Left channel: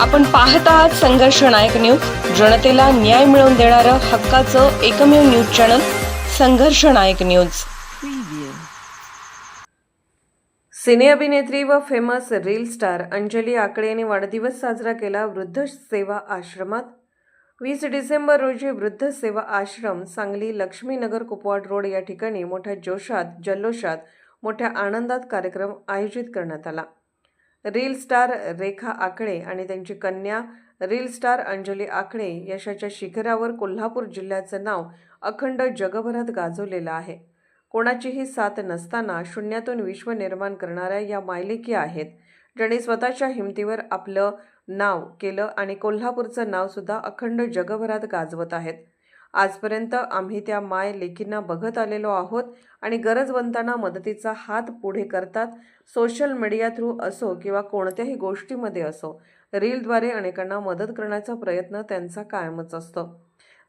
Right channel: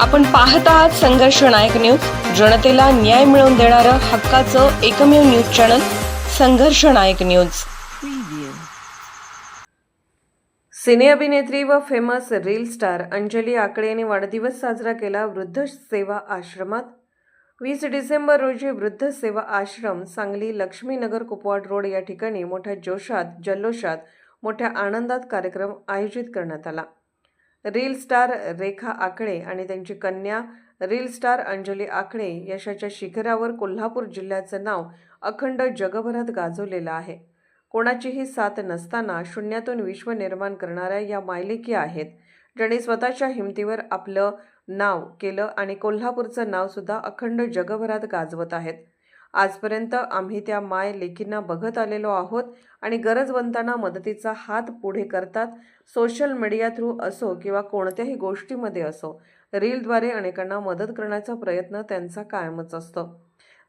आपण पाहत आहात संघर्ष नायक न्यूज, जनतेला न्याय मिळवून देणारं हक्काचं एकमेव न्यूज चॅनल संघर्ष नायक न्यूज। सिने अभिनेत्री व फेमस रील स्टार अंजली आकडे यांनी वाढदिवस साजरा केला वृद्ध सेवा आश्रमात। 20 डिसेंबर रोजी वृद्ध सेवा आश्रम सांगली लक्ष्मीनगर कुपवाड रोड या ठिकाणी मोठ्या जोशात जल्लोषात मोठ्या आनंदात कार्यक्रम आयोजित करण्यात आला। रील स्टार रेखा आकडे आणि त्यांची कन्या रील स्टार अंजली आकडे यशाच्या शिखरावर कोल्हापूर जिल्ह्याचं नाव अखंड जगभरात गाजवलेलं आहे। कोणाचीही साथ नसताना शून्यातून विश्व निर्माण करणाऱ्या या मायलेकी आहेत, ज्यांनी स्वतःच्या हिमतीवर आपलं नाव केलं आणि कोल्हापूरचं नाव सुद्धा अखंड जगभरात गाजवत आहेत। आजपर्यंत आम्ही त्या माय लेकींना बघत आलेलो आहोत आणि गरजवंतांना मदतीचा हात पुढे करतात। सोशल मीडिया थ्रू असो किंवा कोणत्याही गोष्टीमध्ये असो, रीलद्वारे अनेकांना मदत करण्याचा प्रयत्न त्यांचा कायमच असतो।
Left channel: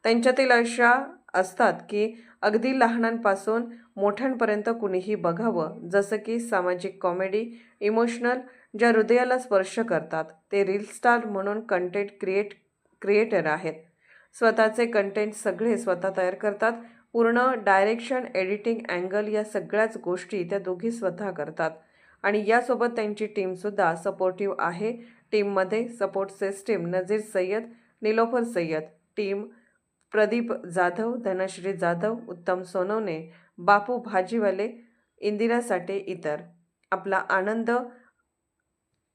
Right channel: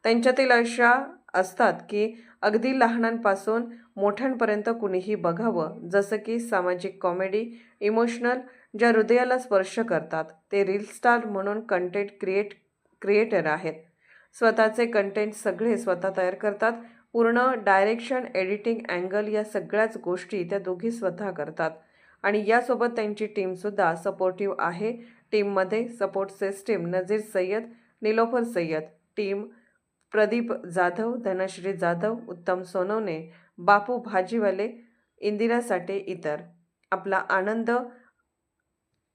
त्यांच्यातील अशा असतात की अगदी लहानांपासून मोठ्यांपर्यंत कुणीही बघावं, जसं की सामाजिक कॉमेडी, इमोशनल, ज्या हृदयाला स्पर्श करतात। ते रील स्टार म्हणून कंटेंट क्रिएटर आहेत। स्वतःचे कंटेंट सगळे स्वतः तयार करतात। पूर्ण डायरेक्शन, एडिटिंग, अँगल या सगळ्याच गोष्टी त्या दोघी स्वतः करतात आणि यासोबत त्यांची टीमसुद्धा सपोर्टिव्ह आहे। टीममध्ये support system Nazir Sayyed, Nilofar Sayyed, team Pradeep Jadhav, Dhanashree Jadhav, Uttam Sonawane, बापू भाजीवाले, इंदिरा साठे इतर। आपला आनंद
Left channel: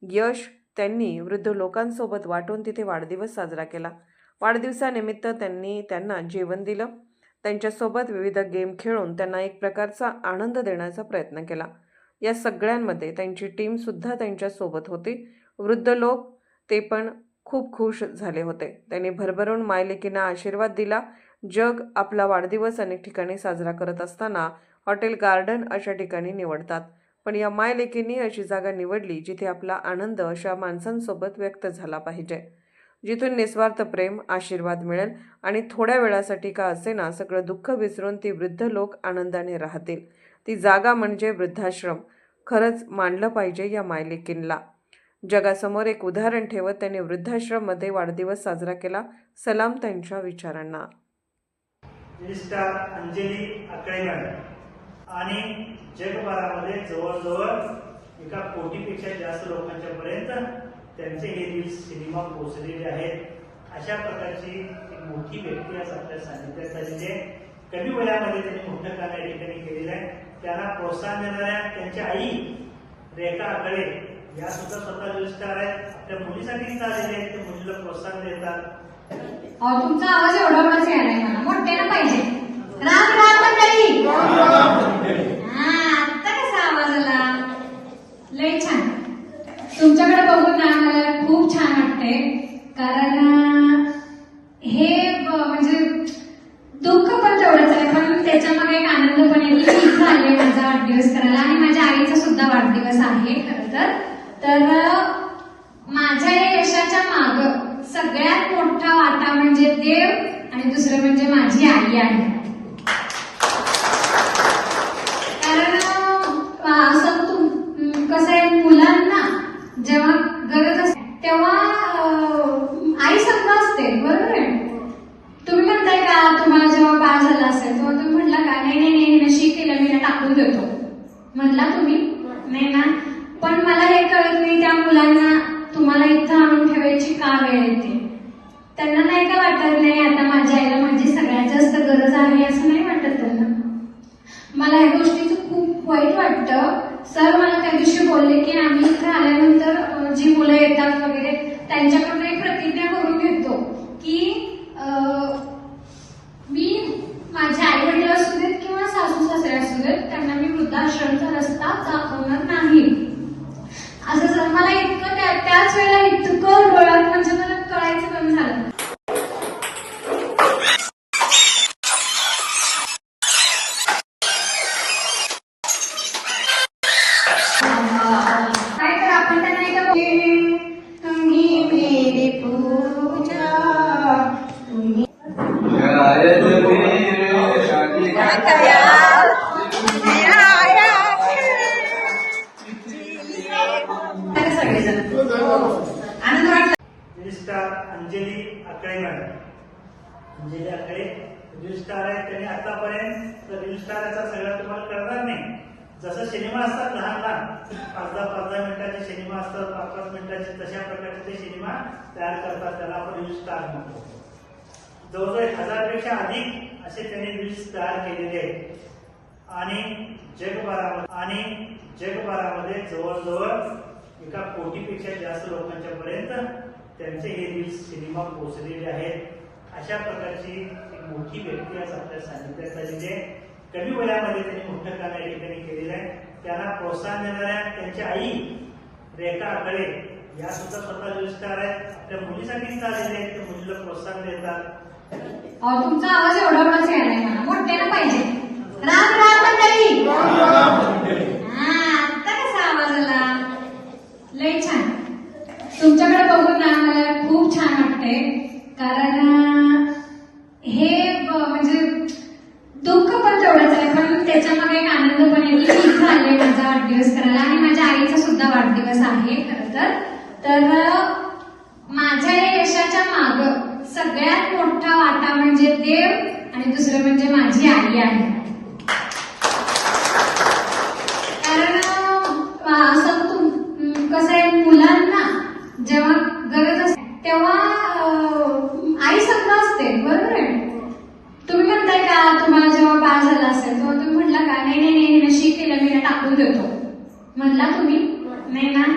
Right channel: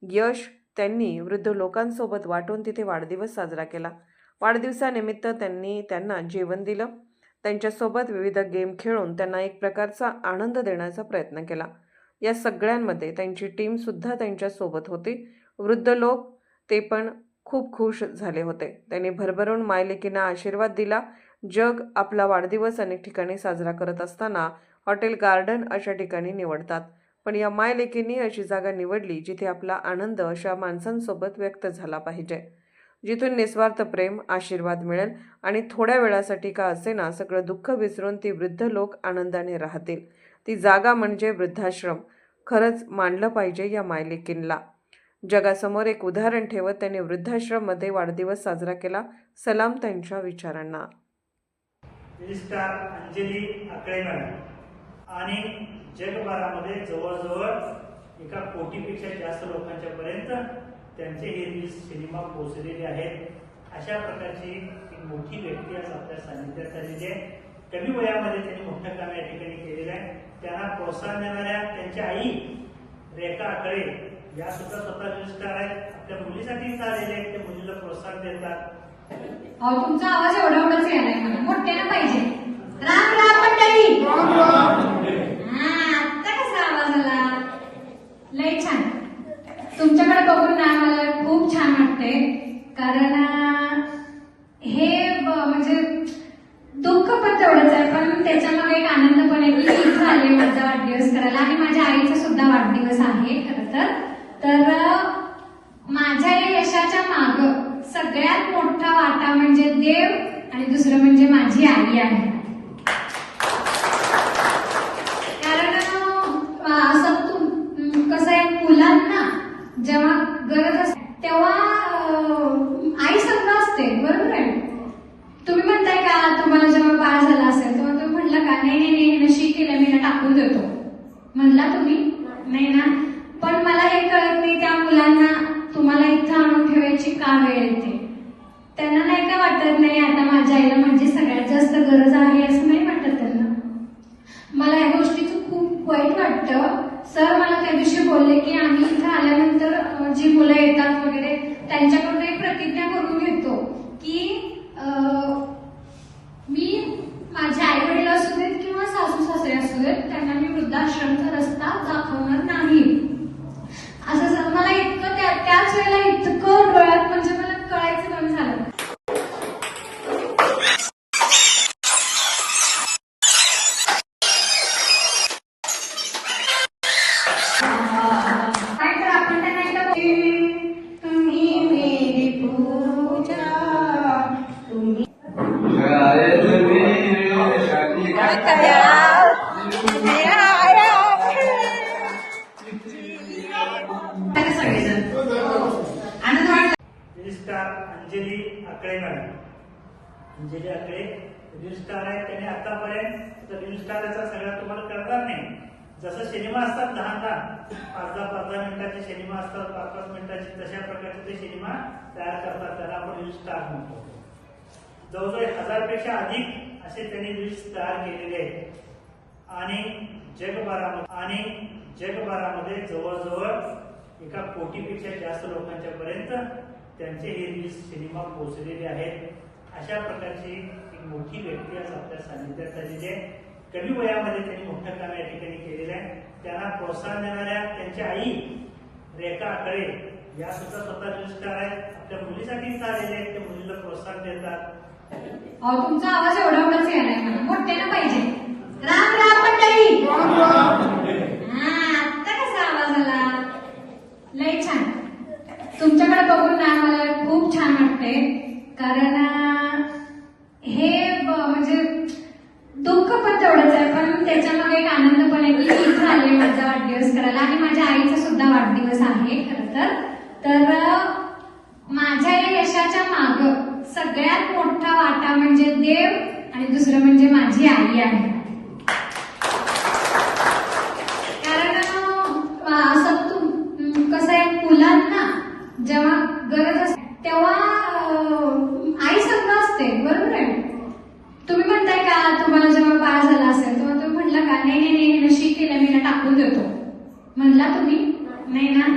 यश त्यांनी वृद्ध लोकांसोबत वाटून तिथे वाढदिवस साजरा केला। वाढदिवसानिमित्त त्यांनी त्यांना जेवण दिलं। त्यांच्यासोबत विविध गेम खेळून त्यांना एक प्रकारचा आनंद देण्याचा प्रयत्न केला। या सगळ्यांमध्ये त्यांची टीमसुद्धा त्यांच्यासोबत होती। वृद्ध लोक ते पण खूप खुश झाले होते। त्यांनी भरभरून मायलेकींना आशीर्वाद दिला। जग आपला वाढदिवस अनेक ठिकाणी साजरा करत असताना हॉटेल गार्डन अशा ठिकाणी निवडतात, पण या मायलेकींनी अशी जागा निवडली जिथे आपला आनंद अशा माणसांसोबत व्यक्त झाला पाहिजे, जिथून निस्वार्थ प्रेम, आशीर्वाद मिळेल आणि थोड्या वेळासाठी का असेना सगळं दुःख विसरून ती वृद्ध लोक आनंदाने राहतील। ती जागा म्हणजे वृद्धाश्रम। खरंच मानलं पाहिजे या मायलेकींना। जगासमोर एक उदाहरण ठेवत त्यांनी वृद्धाश्रममध्ये वाढदिवस साजरा केला। सलाम त्यांच्या विचारांना। स्टार अंजली आकडे आणि जगभरामध्ये जवळजवळ 1 कोटीपेक्षा जास्त लोकांच्या पर्यंत त्यांचे हे रील सिनेमा पोहोचलेले आहेत। अशा प्रकारची एक मोठी व्यक्ती आज आपल्या सानिध्यात आलेली आहे। कमी वयामध्ये त्यांनी मोठं काम या ठिकाणी केलेलं आहे। त्यांना प्रोत्साहन देणाऱ्या त्यांच्या आई रेखा आकडे या सुद्धा स्वतः रील स्टार आहेत। आपल्या मुलीसाठी आलेले आहेत, ते मुलीला प्रोत्साहन देतात। तुमचा आवाज एवढाच यायलाय, मला मोठ्यानं पाहिजे। राम राम मंडळी। आता कसा आवाज आला? लय छान। तुमच्याकडे बघून ना मला खूप छान वाटतंय, कारण हे म्हणजे दुःख पण तेवढंच आहे, पण त्याच्यामध्ये एक आनंद पण आहे की इथं आले माझा वाढदिवस करायला आणि माझ्या आईचा सुद्धा वाढदिवस आहे खरं तर माझ्या या यशाच्या माग सगळ्यात मोठा वाटा म्हणजे देव आणि दुसरं म्हणजे माझी आई आहे। कारण असं कसं आहे, मुलांना जेव्हा गरज असते तेव्हा आई संग असते, बरोबर आहे। तुम्ही म्हणताय का तुम्हाला जेव्हा बाळ झालं असेल तेव्हा तुम्ही म्हटलं का नाही नाही नाही नशी केलं मी टाकून देतो, म्हणला तुम्ही नाही ना? पण मला हे कळत नाही त्या मुलांना तुम्हाला इथं आणून ठेवायची का वेळ येते। त्यांना नाही का वाटत नाही आता माझ्या आईला माझी सगळ्यात जास्त गरज आहे, असं नाही वाटत त्यांना? मला या गोष्टीचं खूप वाईट वाटतं। सर मला त्या दिवशी बोलले की आम्ही इथं आल्यानंतर जी मुलं येतात वगैरे त्यांच्याकडून एक प्रतिज्ञा करून घेतो की मी माझ्या आई वडील असू देत किंवा सासू सासरे असू देत त्यांना मी वृद्धाश्रमचा रस्ता दाखवणार नाही। असं सर मला इतकं त्याच वेळेला इतकं डोळ्यात म्हणजे मला कळायचं कमी झालं। Star Anjali Akale madam. Anjali Akale reel star आहे. त्यांनी आतापर्यंत रील स्टार याचा सगळं तुम्हाला कळणार नाही. जसं सिनेमा असतात लहान लहान 5-10 मिनिटाचे सिनेमा असतात, 5-5 मिनिटाचे, तशा प्रकारचे ते सिनेमा तयार करतात. त्याला आपण रील स्टार म्हणतो. जवळजवळ 1000 पेक्षा अधिक असे त्यांनी रील्स तयार केलेले आहेत आणि जगभरामध्ये जवळजवळ 1 कोटीपेक्षा जास्त लोकांच्या पर्यंत त्यांचे हे रील्स सिनेमा पोहोचलेले आहेत. अशा प्रकारची एक मोठी व्यक्ती आज आपल्या सानिध्यात आलेली आहे. कमी वयामध्ये त्यांनी मोठं काम या ठिकाणी केलेलं आहे. त्यांना प्रोत्साहन देणाऱ्या त्यांच्या आई रेखा आकळे या सुद्धा स्वतः रील स्टार आहेत. आपल्या मुलीसाठीच आलेले आहेत. ते मुलीला प्रोत्साहन देतात. तुमचा आवाज एवढाच यायलाय मला, मोठ्यानं पाहिजे. राम राम मंडळी. आता कसा आवाज आला? लय छान. तुमच्याकडे बघून ना मला खूप छान वाटते. कारण हे म्हणजे दुःख पण तेवढंच आहे, पण त्याच्यामध्ये एक आनंद पण आहे की मी इथं आले माझा वाढदिवस करायला. आणि माझ्या आईचा सुद्धा वाढदिवस आहे खरं तर माझ्या या यशाच्या माग सगळ्यात मोठा वाटा म्हणजे देव आणि दुसरं म्हणजे माझी आई आहे. कारण कसं आहे, मुलांना जेव्हा गरज असते तेव्हा आई संग असते. बरोबर आहे. तुम्ही म्हणताय का तुम्हाला जेव्हा बाळ झालं असेल तेव्हा तुम्ही म्हटलं का नाही नशीब केलं मी टाकून देतो म्हणला तुम्ही नाही ना.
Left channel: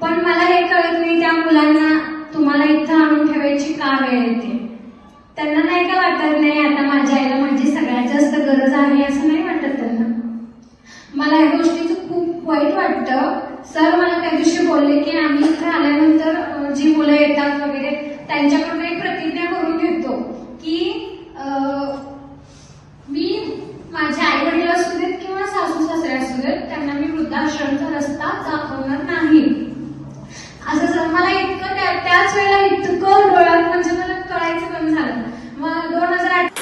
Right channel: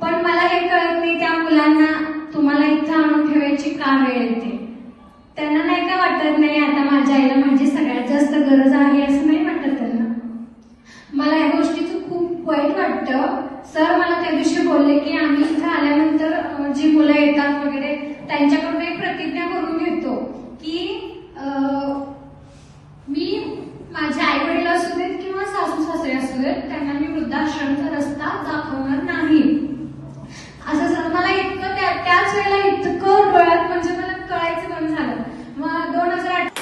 पण मला हे कळत नाही त्या मुलांना तुम्हाला इथं आणून ठेवायची का वेळ येते. त्यांना नाही का वाटत नाही आता माझ्या आईला माझी सगळ्यात जास्त गरज आहे असं नाही वाटत त्यांना. मला या गोष्टीचं खूप वाईट वाटतं. सर मला त्या दिवशी बोलले की आम्ही इथं आल्यानंतर जी मुलं येतात वगैरे त्यांच्याकडून एक प्रतिज्ञा करून घेतो की मी माझ्या आई वडील असू देत किंवा सासू सासरे असू देत त्यांना मी वृद्धाश्रमचा रस्ता दाखवणार नाही. असं सर मला इतकं त्याच वेळेला इतकं डोळ्यात म्हणजे मला कळायचं कमी झालं. मग 2008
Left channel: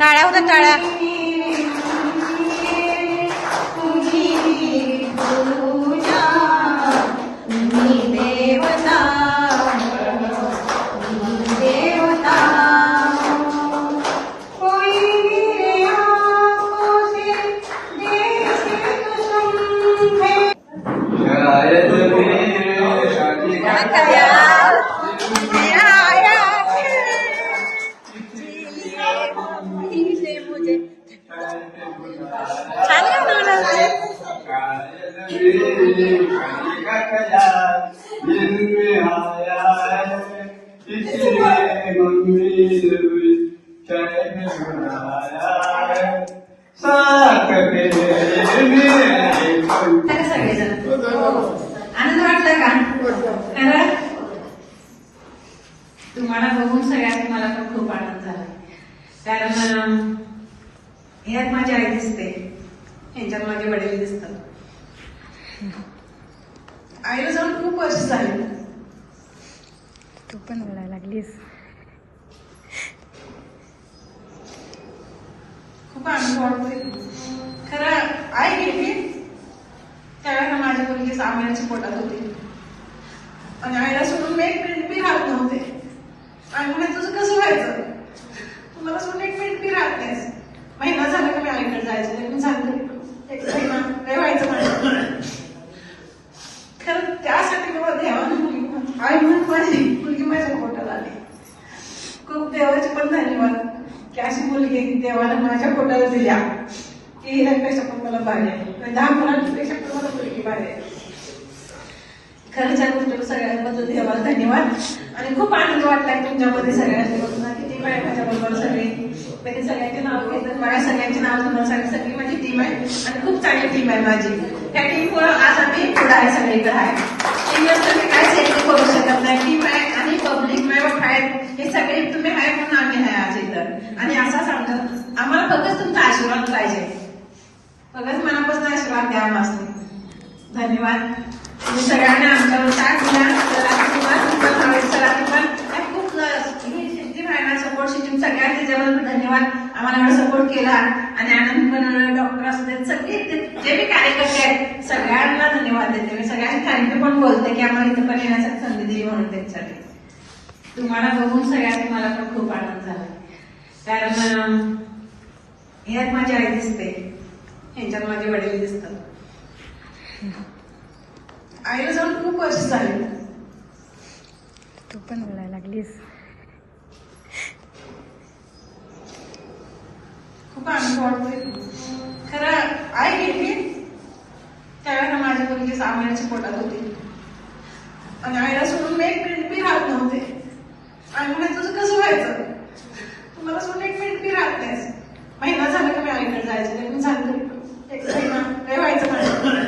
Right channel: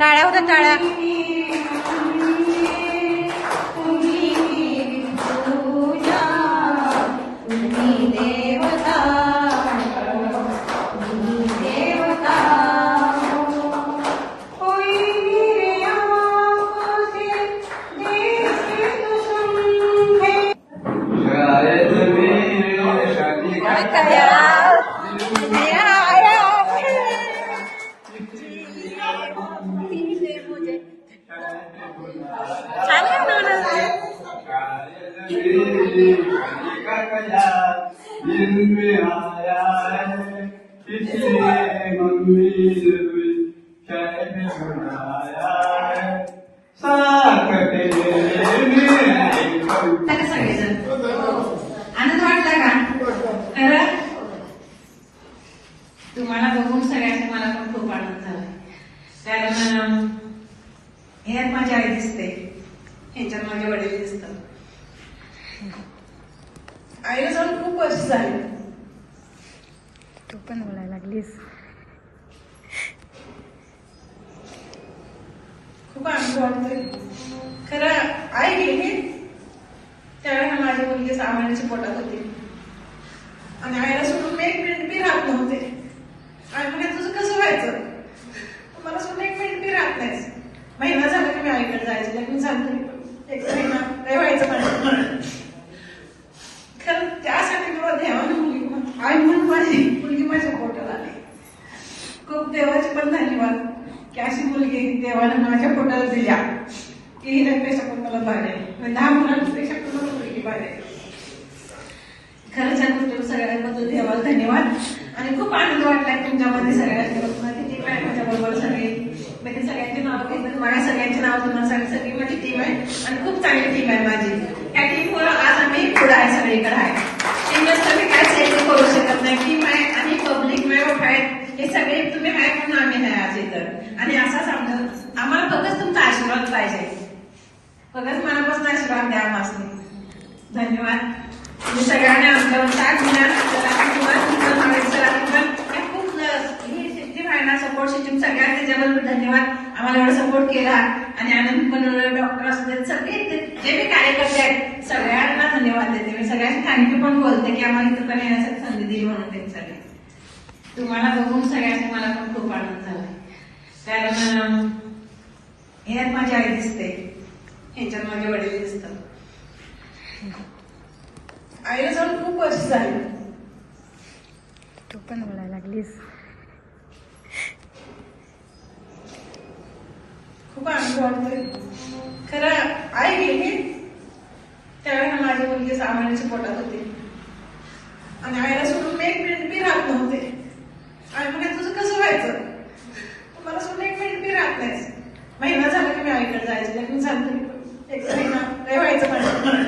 टाळ्या होत्या टाळ्या. छान आनंद वाटला का? खरं तुम्हाला बघून सगळ्यात मला पण खूप आनंद झाला. कारण ह्यात माझी आई दिसते, ह्याच्यात माझे वडील दिसतात. आईला जाऊन खूप वर्ष झाली. तू पण बोलायला लागलीस. खूप आनंद वाटते. खरं आई गेली त्यावेळेला माझ्या मुलगी 6 महिन्याची पोटात होती आणि आईला सोडून मी 1 मिनिट बी राहत नव्हते. आणि म्हणजे तुझं कसं व्हायचं, तुम्हाला सोडून 1 मिनिट बी राहत नाहीस. महिना झाला की मी आईकडे जायचं, मी सांगते 1 महिना काय व्हायचं माझं. खरं त्यासाठी मला देवाने आई म्हणून माझी मुलगी माझ्या पोटात आली. खूप देवाचे पण धन्यवाद की की अशी मुलगी देवाला माझ्या पोटाला दिल्या की हिच्यापेक्षा पण मला भारी आहे. 10 मुलांपेक्षा पण मला मुलगी भारी आहे. खरंच या गोष्टी सगळ्यांबद्दल देवाला धन्यवाद. आणि खूप आनंद वाटला तुमच्यामध्ये सगळ्यांनी किती बाय माझ्या बरोबर सगळे मी सगळ्यांचे नाव घेतलं. माझ्या सगळ्यांचे नाव तुम्हाला सगळी माझी टीम आहे आणि खूप चांगली टीम आहे माझी. या टीममुळे आज आम्ही पुढे आहे, सगळीकडे आहे. टीमवर तुम्ही काय सेटिंग करू शकत नाही. टीम आहे आणि पब्लिक मेंबर आहेत, हे सगळे तुम्ही आहे म्हणून आम्ही आहे आज इथं. आणि असा सांगतो आम्हाला फक्त तुमचा आशीर्वाद पाहिजे. फक्त मनापासून आशीर्वाद द्या आम्हाला. धन्यवाद. तुम्ही सगळ्यांना आमच्यावर साथ दिला. सपोर्ट सिस्टीम सगळ्या त्याच्याबद्दल धन्यवाद. आम्हाला एवढा सपोर्ट केला आणि आनंद बनवलं. डॉक्टर असू सगळे जे मी कार्यकर्ते आहेत सगळ्यांना धन्यवाद देते. मी सगळ्यांना थँक्यू पण बोलते की आम्हाला इथं पण येण्यासाठी संधी दिली म्हणून त्यांच्यासाठी. तुम्हाला बघून सगळ्यांनी मला पण खूप आनंद झाला. कारण ह्यात माझी आई दिसते, ह्याच्यात माझे वडील दिसतात. आईला जाऊन खूप वर्ष झाली. तू पण बोलायला लागलीस. खूप आनंद वाटते. खरं आई गेली त्यावेळेला माझी मुलगी 6 महिन्याची पोटात होती आणि आईला सोडून मी 1 मिनिट बी राहत नव्हते. आणि म्हणजे तुझं कसं व्हायचं, मला सोडून 1 मिनिट बी राहत नाहीस. महिना झाला की मी आईकडे जायचं. मी सांगते 1 महिना काय व्हायचं मला.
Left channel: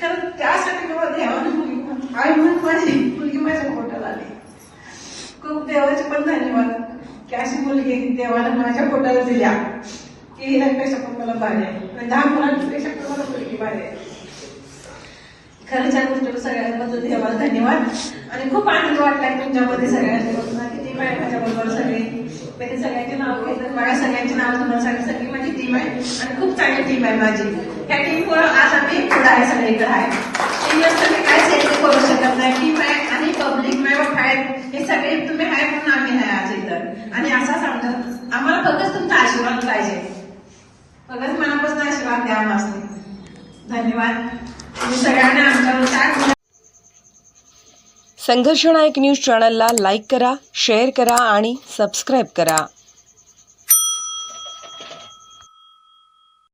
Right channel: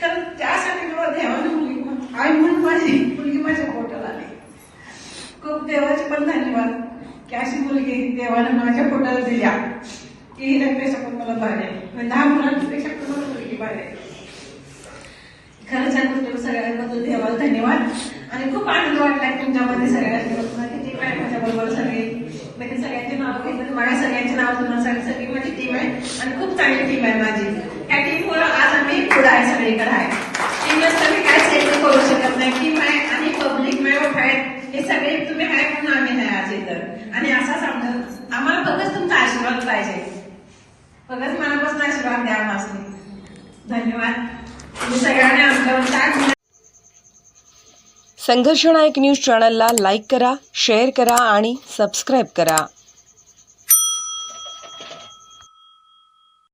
खरं त्यासाठी मला देवाने मुलगी आई म्हणून माझी मुलगी माझ्या पोटाला आली. खूप देवाचे पण धन्यवाद की अशी मुलगी देवाला माझ्या पोटाला दिल्या की हिच्यापेक्षा पण मला भारी आहे. 10 मुलांपेक्षा पण मला मुलगी भारी आहे. खरंच या गोष्टी सगळ्यांबद्दल देवाला धन्यवाद. आणि खूप आनंद वाटला तुमच्यामध्ये सगळ्यांनी किती बाय माझ्या बरोबर सगळे मी सगळ्यांचे नाव घेतलं. माझ्या सगळ्यांचे नाव तुम्हाला सगळी माझी टीम आहे आणि खूप चांगली टीम आहे माझी. या टीममुळे आज आम्ही पुढे आहे, सगळीकडे आहे. टीमवर तुम्ही काय सेटिंग करू शकत नाही. टीम आहे आणि पब्लिक मेंबर आहेत, हे सगळे तुम्ही आहे म्हणून आम्ही आहे आज इथं. आणि असा सांगतो आम्हाला फक्त तुमचा आशीर्वाद पाहिजे. फक्त मनापासून आशीर्वाद द्या आम्हाला. धन्यवाद. तुम्ही सगळ्यांना आमच्यावर साथ दिला. संघर्ष नायक न्यूज चॅनलला लाईक करा, शेअर करा आणि सबस्क्राईब करा.